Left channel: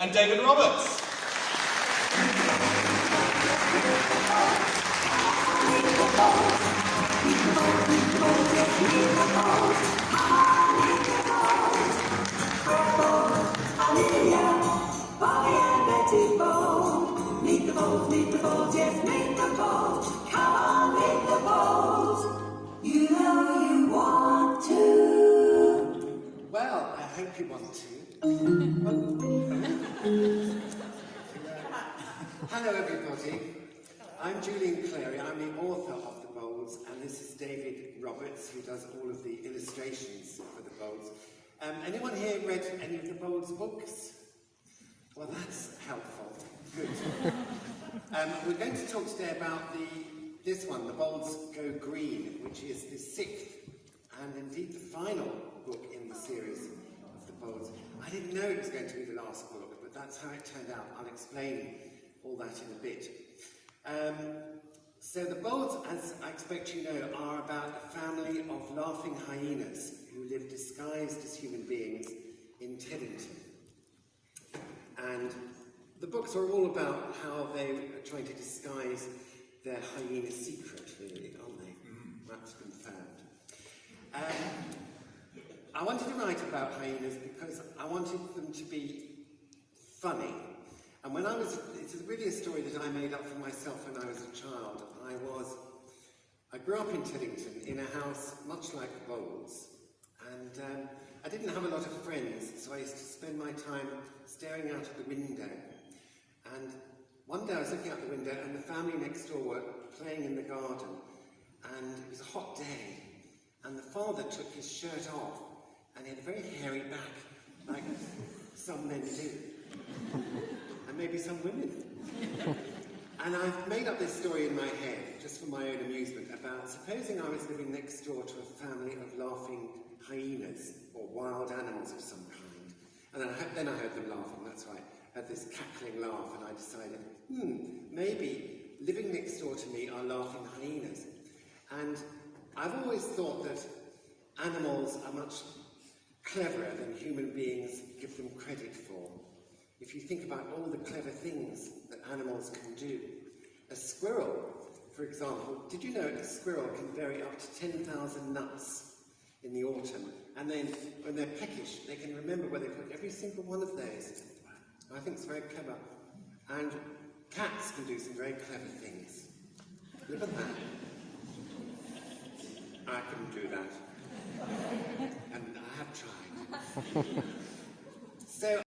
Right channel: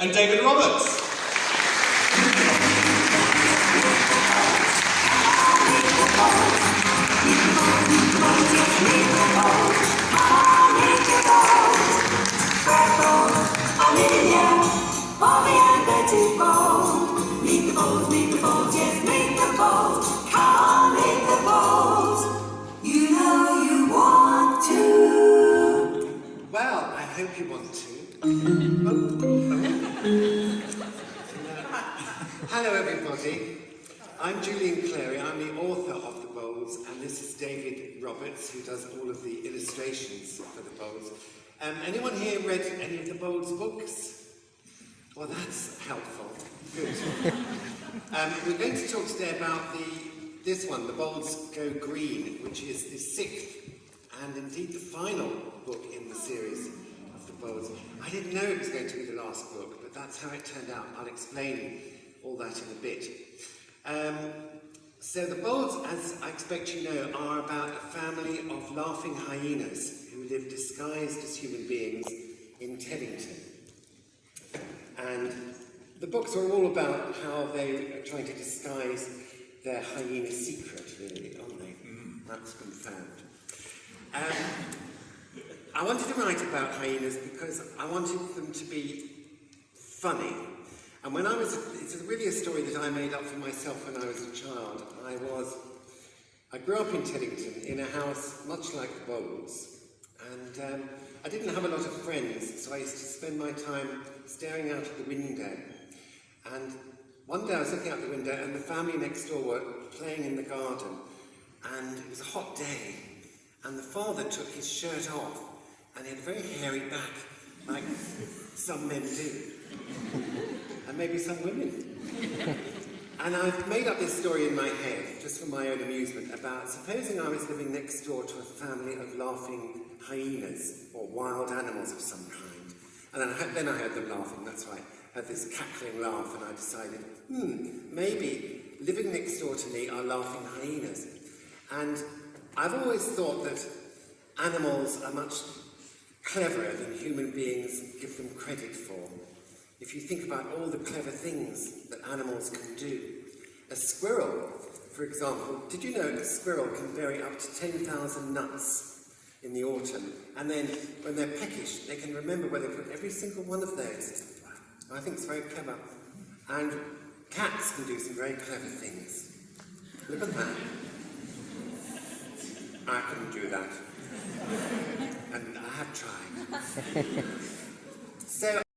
and David Roberts. Well, I hope you want to. Hello everybody, I'm Julian Clary, I'm the author of the bowls, and this is David Roberts, who does all of the illustrations for the bowls. Anyone here read any of the bowls books? Well, that's helpful. Good. We're going to talk today about this one, The Bowls Go Green, which is the 6th and indeed the final book in the series of the bowls. I didn't know it was going to be the last book, but that's how it turned out. I'll explain all that in a bit. So the bowls, as I expect you know, are about a family of laughing hyenas who live disguised as human beings in Teddington. And the books are all about how they are trying to disguise their hyena secret, really, aren't they? That's been found. I wanted to write about hyenas because I wanted them to be funny. And when it's really a story that I made up for myself when I was a child. I grew up in Teddington in a house much like the Bowls. And I didn't have a lot of friends, so I used to spend my time staring out of the window. And one day I was looking out the window and the family next door were playing in the garden. And it was a hot day. And the father took his shirt off and he had a very hairy back, like some men do. And maybe some women. And I've made up this story in my head, just for my own amusement, about supposing I was living next door to a family of laughing hyenas, or wild animals of some kind. And then I heard them laughing, that's right. I heard this cackling laugh, and I decided, maybe living next door to me are laughing hyenas. And I've always thought that animals are much cleverer than human beings give them credit for. If you think about all the clever things that animals can do. A squirrel, for example, did you know a squirrel can bury up to 10,000 nuts in the autumn, and then when they're peckish, they can remember where they put every single one of those. I think it's very clever. And cats can do some very clever things. Look at that. I couldn't do that. And I have tried. So